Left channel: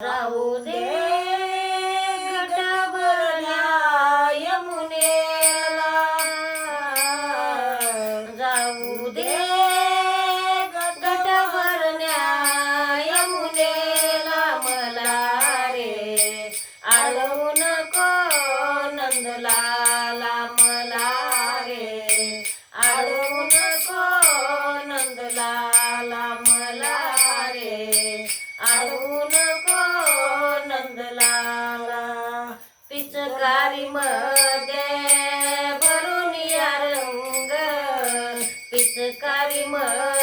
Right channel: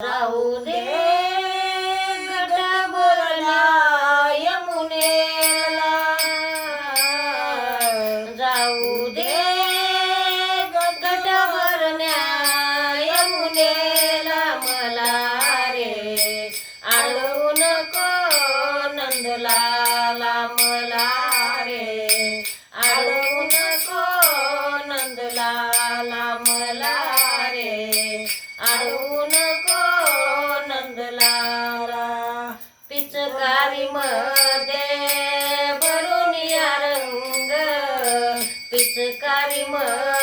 राहू दे गटभरण्या यमुनेला जाऊ दे गटभरण्या यमुनेला मला रे. आळू नको नंदलाला मध्ये भरून या रंग पिचकारी मध्ये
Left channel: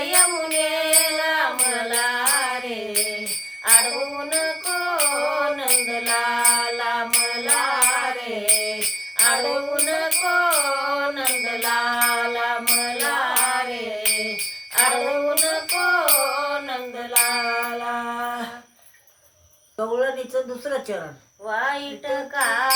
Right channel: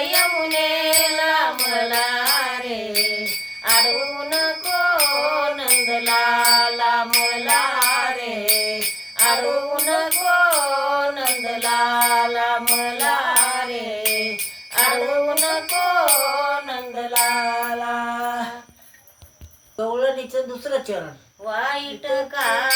यमुनेला मला रे. नंदलाला मला रे. नंदलाला मला रे. नंदलाला. गवळणीचं दुसरं चरण. वाईट काना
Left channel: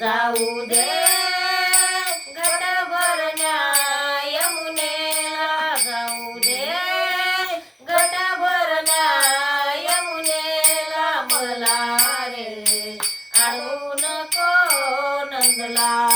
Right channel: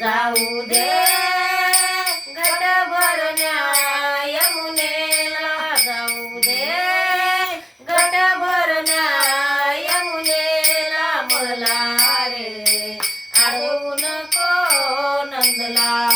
जाऊ दे. घट भरण्या यमुनेला जाऊ दे. घट भरण्या यमुनेला मला रे. अडवू नको नंदला.